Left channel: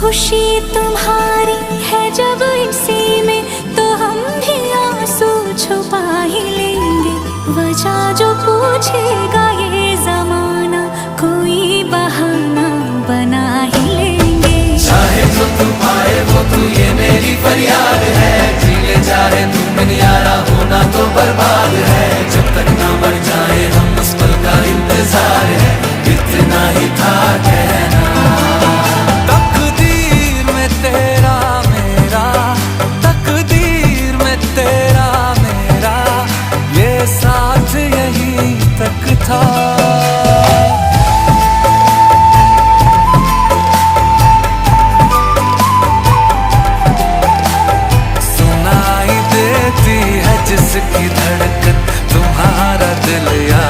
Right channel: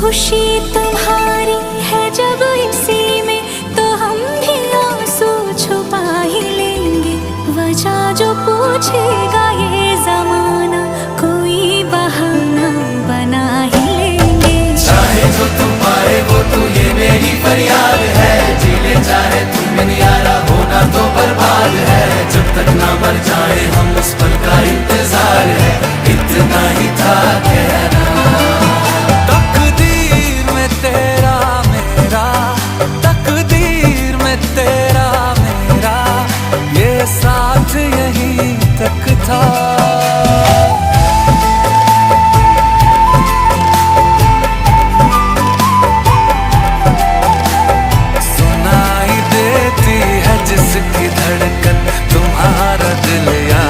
खुशी तुम्हारी है जब इसी में, तो हम भी आंसू छुपा ही लेंगे। वजह जो पूछेगा ये जमाना, कोई बहाना बना ही लेंगे। चाहे जो तुम पाए वो तू, ये मेरी फरियाद है। जीले चाहे तुम दुनियारा, होना तो बर्बाद है। जब तक ना मर जाए हम उस पल का इंतजार है, इतना ही था कहना। तकदीर में तेरा मेरा, तकदीर में तेरा मेरा, ये साथ यहीं तक था। सुनाई देती है जिसकी धड़कन, तुम्हारा दिल या